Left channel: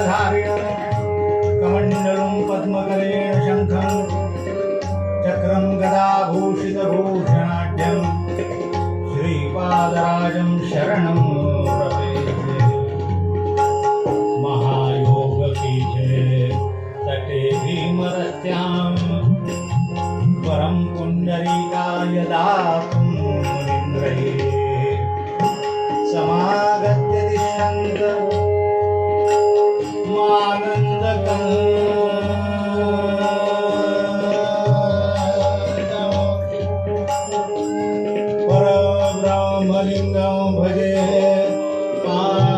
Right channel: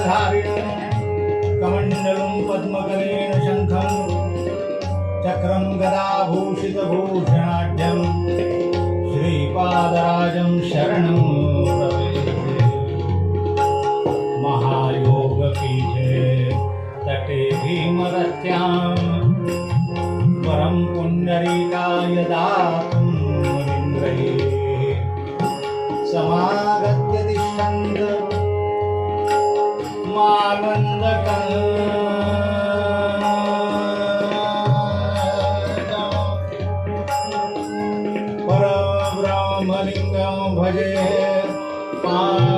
गदाधारेण कमण्डलं पद्मकरेण शङ्खं चक्रं गदाभूषितभूषणा राम राम लिंगम भजे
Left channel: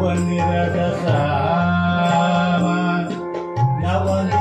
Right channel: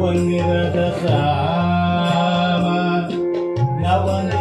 ونرد خاما